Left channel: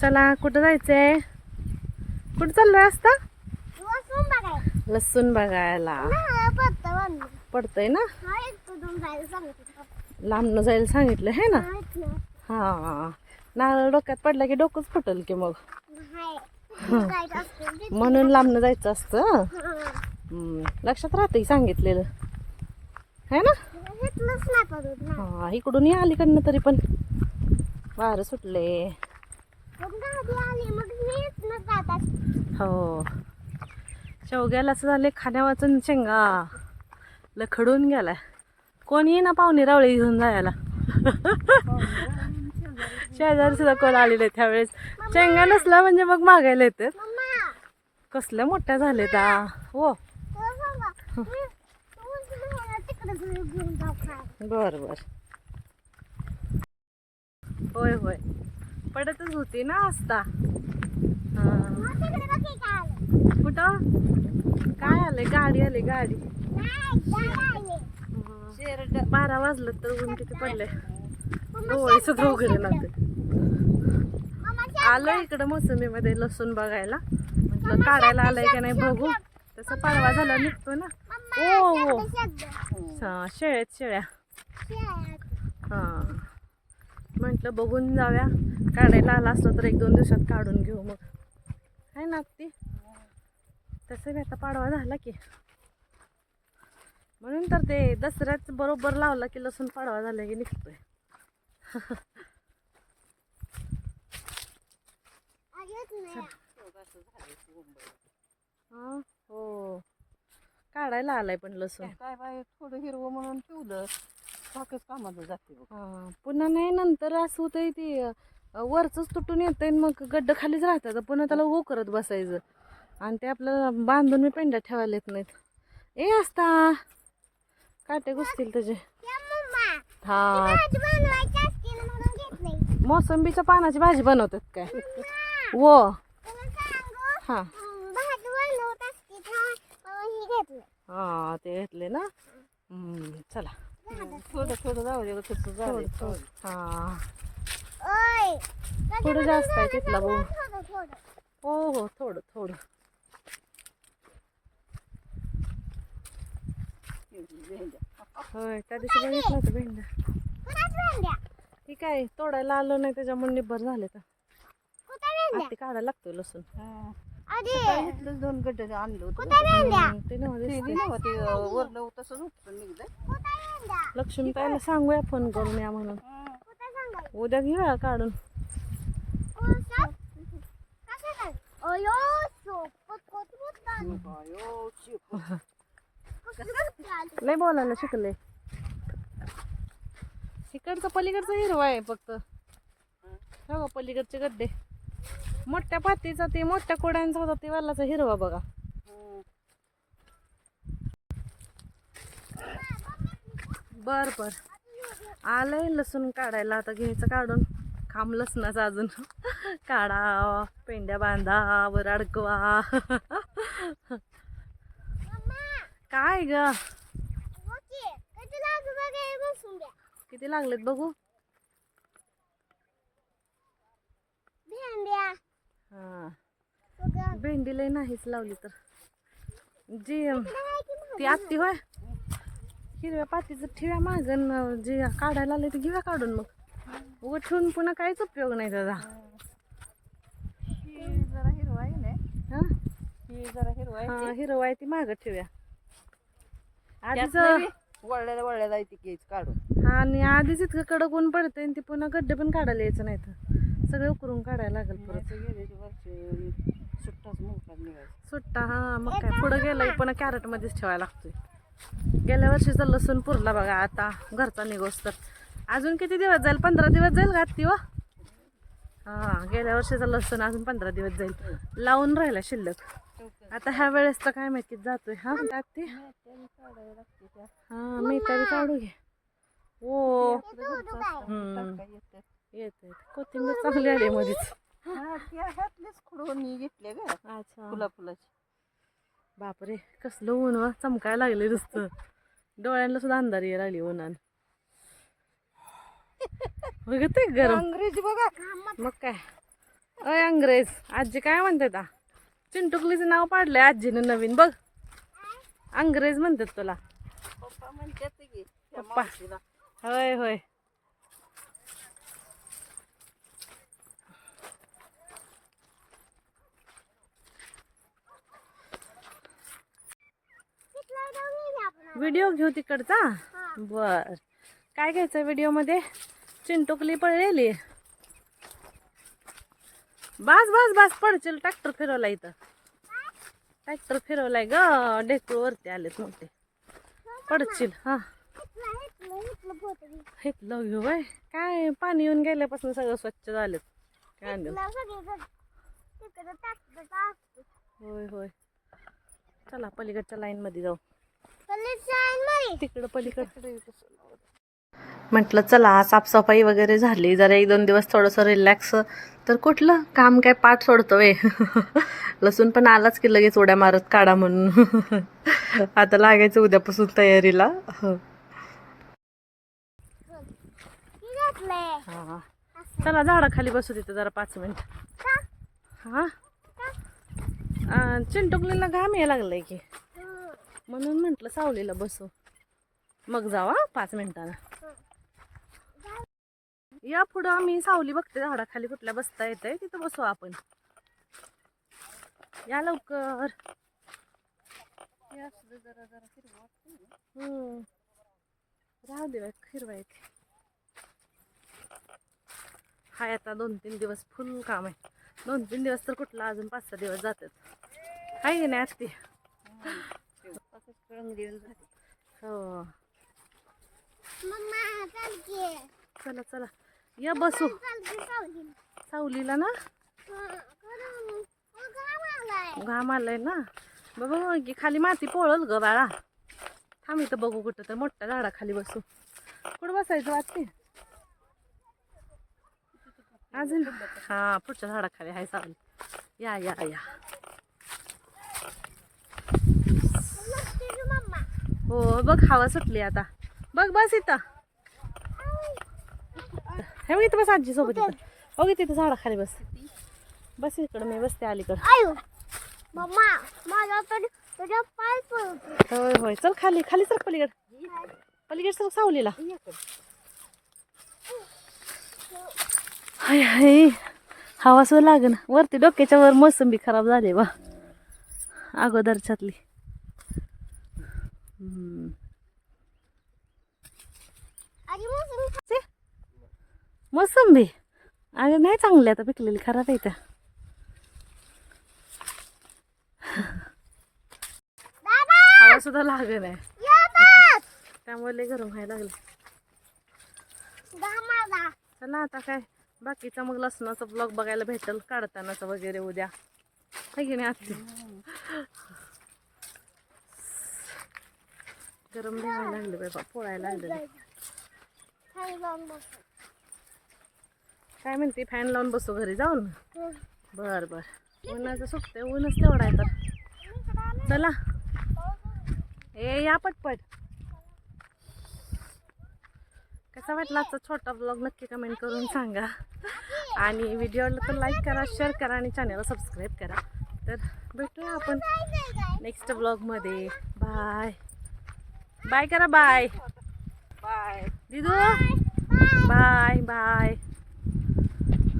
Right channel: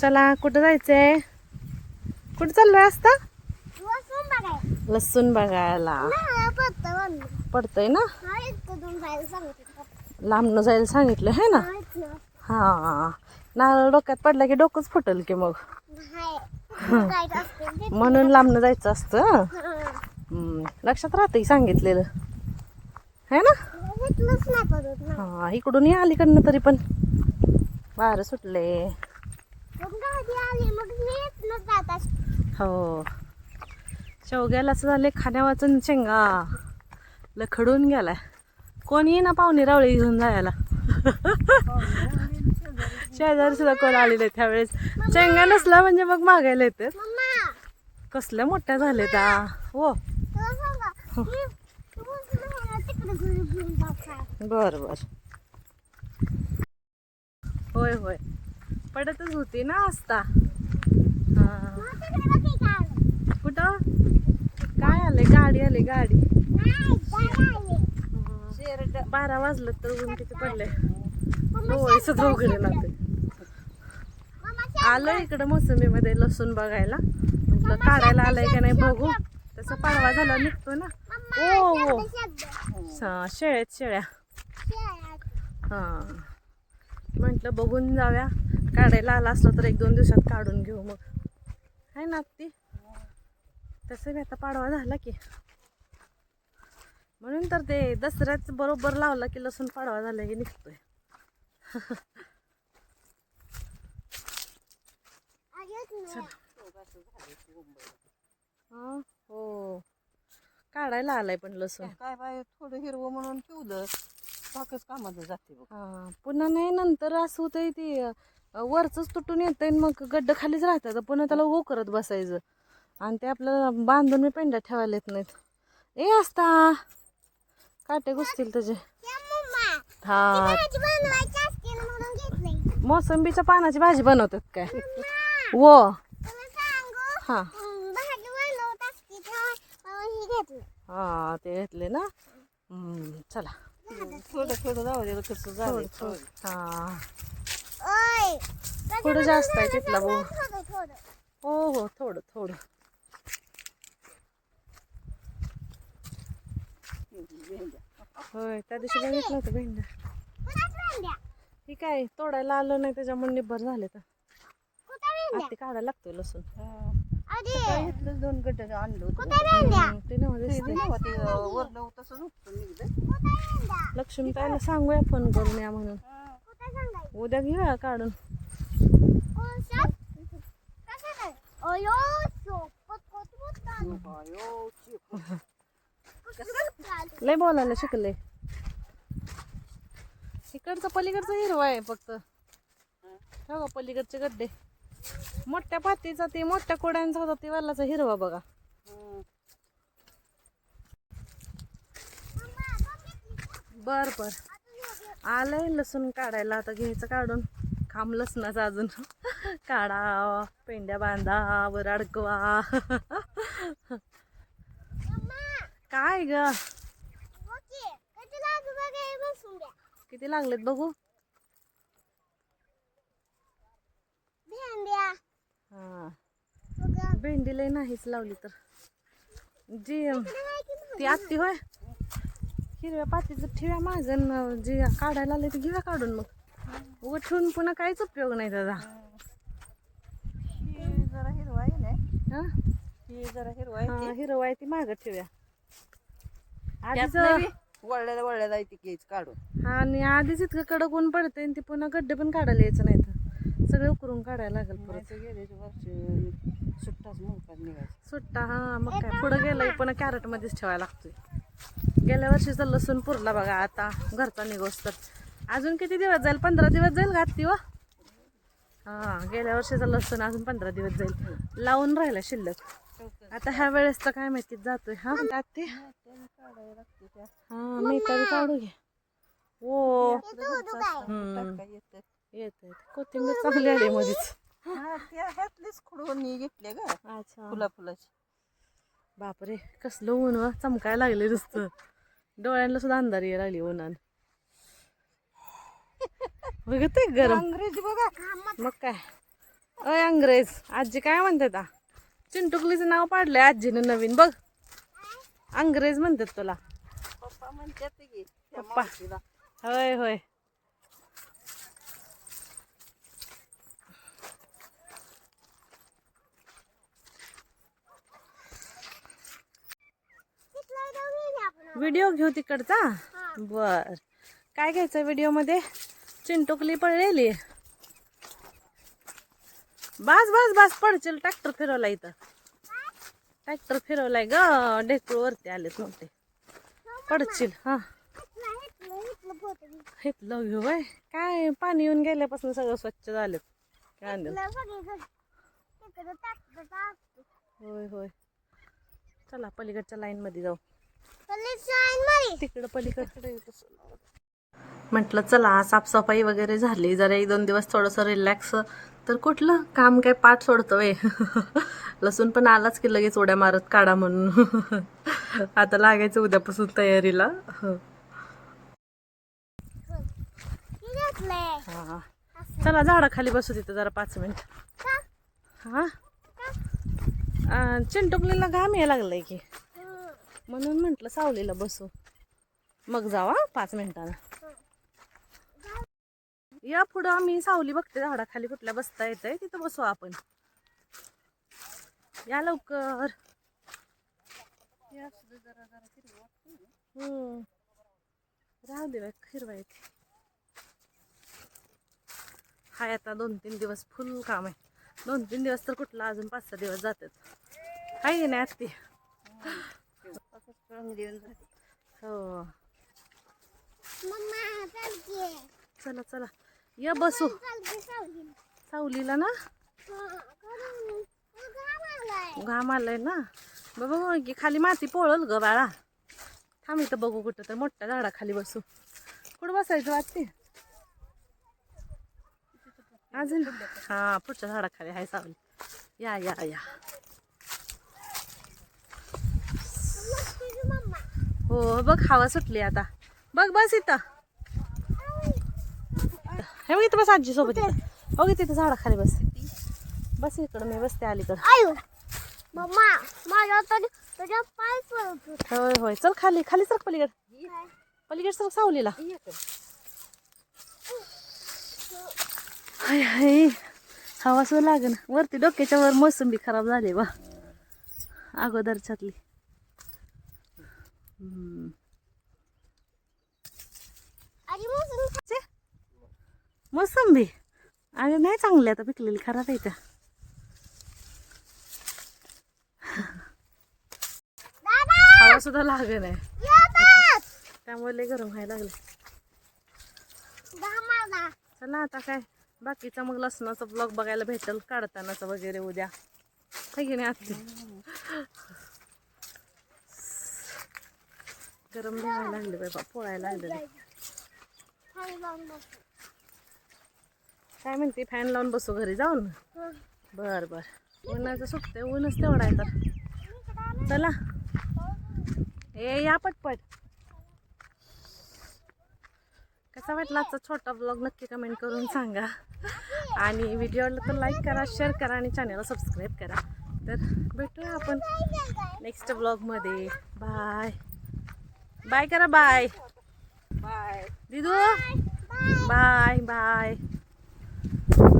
चला कुठं जायचंय? कुठं चाललोय असता लसूण बघायला. पडतंय ना? लांबनं जायला सांगितलं हे ना? हा नारळ डोक्यात पडला की डोकंच फुटल की मग. म्हणून लांबनं जायचं असतं लक्षात राहते सांगितलेलं. है ना? हा इकडून या अलीकडनं तरी पण. वारं सुटले हो. शेवग्याला असं झाले खाण्यावाचून शेंगा. लखडून गेलाय. कोण ना पाहुणे रावळी घेऊन जायला? शेजारी सुद्धा कोण आलेले त्यावेळेस? शेंगा नसला म्हणजे मग मागायला येते कसल्या मोठ्या झाले त्या हो. बर बर. होय होय. पडतच होती ना आस्ता हा. कुठं? काय आले गाडी. आली. गाडी बारा वाजलं तर ऊन किती पडले डोळे सुद्धा उघडे लागते आलो इकडं मोसमीमध्ये लसूण बघायला. म्हटलं काढायला आलंय का नाही बघू. तसं पाडवा झाल्यावर निघतो ना. ओ हो हा, शेळ्यात शेळ्या. हा. म्हटलं बघून जाऊया. काढायला आला असलं तर एक दोन दिवसात काढून घेऊ मग. आहे ना ती तसं मी आता पाडवा झाला की. म्हणून तर ते दसऱ्याच बरोबर लावला की लसूण पाडवा झाला की निघतोय. हो काढायला आलाय पण लसूण. काय थोडं हिरवं म्हणून ठेवलं बाकीच कामाचं जाते बघ. हा पुन्हा नाही नंतर असं होतंय ते अं, वरचंच तुटून येतंय मग गड्ड खालीच राहतात. पुन्हा त्याला उभं करत बसायचं. आणि ते आपलं बांधून मी पेंड्या ठेवायला येत नाहीत. ए असता काटे घुसतील त्याचे. हा. मोसंबीच्या पानाची भाजी बनवतात काय? वो. हा. हा ते घेतले ना? चला. थोडं थोडं जाऊ दे कसं जाऊ थोडं दे. थोडं हा थोडं जास्त आहे तिथला भाऊ. हो हो थोडं थोडं. होय त्या दिवशी बघितलं होतं भेंड्या. ठीक आहे तोडायला आलं नाही त्याच्यामुळे निब्बर झाले तर. आता ते काढायला लागतोय लसूण. इथलंच दोन आणलं होतं. ते नव्ह ते दिसते दिलं ते वरलं तसंच उपसून निघलं लक्ष्मीताईला सांगूया फोन करून या म्हणून. उद्या घेऊया काढून. लय बोलायला शिकले. इकडचं पलीकडचं हिरवा आहे फक्त. हो पलीकडचे गड्डे. मोठ्या पातीचा ते मोठ्या कोड्यांचा होता ते वालाचा हिरवा बघा. बर बर. आलंय लसूण काढायला आता घ्यायचं काढून. खांब लसणाचा अजून. काढा पेंड्या बांधा वर अडकवा. काय ग? किती लागलेत बघू? हा. भेंडी लय नाहीच लावली तर. जी ती आत्ती होय. हिरव्या पातीचं ठेव्या मागं जे काढायला आले ते घेऊया काढून मग. उगं ठेवून पुन्हा काहीच उपयोग नाही त्याचा जरा हिरवा आहे ना. जरा हिरवा हिरवा आहे ती मागं ठेवूया. आधीच आहे ती केस काढून. हा आणि आधीच इतकं कडक ऊन पडते आणि ती पुन्हा गड्डे पण काढायला यायचं नाही तर सगळे उकरून काढायला लागेल परत. सुट्टाच सुट्टा हा मग काय पुढं गेलं की पुन्हा कॅरेट मध्येच ठेवायला लागतोय. गेल्या वर्षीचा लसूण पुरला बघा आता घरचा निघोस तर. अजून किती दिवस जाईल? पंधरा दिवस जाईल का ती व हा गेल्या वर्षीचा लसूण अजून पंधरा दिवस जाईल. लावून राहिला शिल्लक. आता ह्या वेळेस तर काय माहिती जातोय हा त्यात ते काढावं लागते त्या हा मेथा बी काढू घे. ओ. येतं. येत कोथिंबीर चांगली आली मध्येच हा, ह्यातलेच खुडून. घेतले ग. अच्छा. फुला फुलाची बापरे कसलं ऊन व. चमकायला लागले नुसतं. डोळ्यांना सुद्धा अंधार यायला लागली उन्हान. बघत आहे गरम. अंग्रेजी बघा. मग काय? अय अंग्रेज. आजी काय म्हणते ता चिंटुकलीचं नाव पाडलंय आजीनं नवीन. बघ. अंग्रेज म्हणतात तुला. पप्पा म्हणतात की पप्पा. होय होय. व्हिडिओ घेऊ तिकडचा? बर. काय घ्यायचं व्हिडिओमध्ये चिंटुकली पडलेली बस बस बस पडशील. ट्रॅक्टर फिरवला इथं. ट्रॅक्टर फिरवलाय ग. ढेकूळ वरती आलेत नव्हते पडशील हा. घेतलं घेऊ बाय काय पाणी येऊन गेल्यापासून सगळं स्वच्छ झालं. काय होय होय. चला पलीकडच्या लाईन मध्ये जाऊ. तिकडं पलीकडे. म्हटलं चला साफसफाई वगैरे झाली. जरा एक दोन दिवस थोडंसं रिलॅक्स तर कुठलं? काम काय पाठ सोडतोय? लसूण पण आलाच की लगेच उड्या मारत काढा म्हणून. आता लागायचं उद्यापासून तयारीला. चला झाडाखाली बसू तिथं जरा पाच मिनिट. हा? चिंटुकलीला घाम यायला लागलाय की. म्हणून म्हटलं सावलीला बसू. मग जावा पाच मिनिटानं. या पुढं आम्ही सावली बघते झाडाखाली कुठल्या बसता येतंय तिथं बसू आपण. या लवकर. हम्म. राहू दे बाई, हिरवा येते हाय आता दोन तीन दिवस फुल काम आहे. दोन तीन दिवस तर कुठला अजून पाच सहा दिवस जातात. हाय नाही आत्ती असंच रंगीन झाली. हो. चला चला या बसू. सावलीला ना? घाम आलाय. ना? बाबा की खाली माती पोळल ग बाळा. थांब इथं बघू कुठं तर मोठ्या झाडाखाली बसू. कुठं बसायचं वाटते अजून? हा पुढच्या झाडाखाली हाय सावली. या या या. हो बघ हवा सुटली आता. बघ बस इथं. हे बघ इथं बस आजी सोबत इथं. बघ झाडाखाली बस. बस इकडं मी बसते अलीकडं. होय होय. चल खाली खाली सर पलीकड. पलीकड सर सावलीला. हाय हाय. हवा सुद्धा लागेल वरती डोक्याच्या वर मोसंबी खराब झाली बा. अगोदरच्यातली. मोसंबी. अरे नाही चांगली आता पिकलेली खराब आहे त्या. हवा सुद्धा लागे नाही त्यामुळे लय गरम व्हायला लागले चला आता काय बाकीचा मग लसणाचा ब्लॉग बघायला भेटेल काढतानाचा वगैरे उद्या. है की नाही आत्ती गरम लय लागले बाबा पोळायला लागले काय म्हणते फॅन लावून बसू घरी जाऊन? बर बर. उन्हाचं सुकते ऊनच तेवढा आहे तर. चला. ए या पटपट. कसा वाटला आजचा छोटा ब्लॉग नक्की कमेंट करून सांगा. आणि व्हिडिओला तर लाईक करा शेअर करा आणि चॅनलला सबस्क्राईब करा. तर भेटूया आपण नेक्स्ट ब्लॉगमध्ये बाय બાય કરો બાય બાય દીધું બાય બાય